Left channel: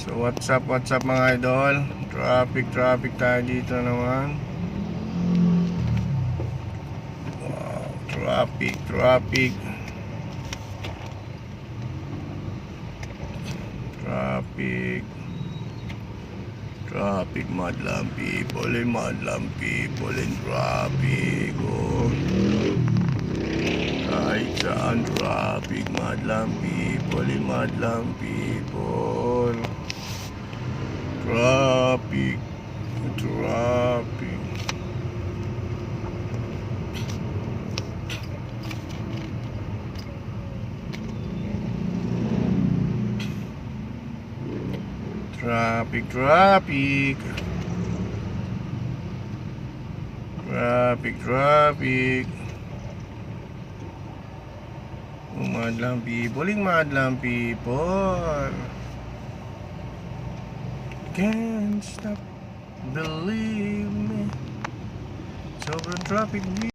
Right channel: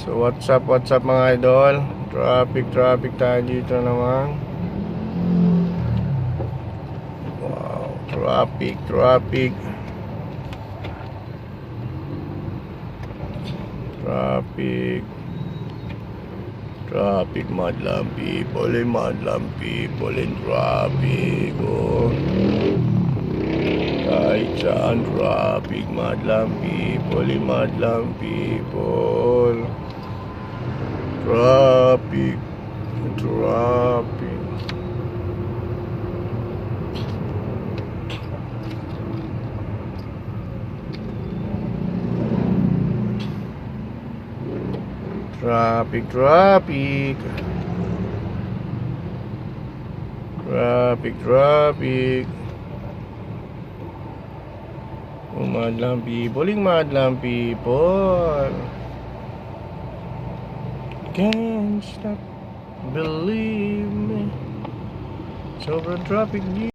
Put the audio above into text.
So what's up mga idol? Traffic tayo dito naman. Wow, traffic. Madlang people in traffic. Oh. Kahit saan traffic, madlang people. Traffic. Madlang people. Can't stop, believe me. Sobrang traffic dito.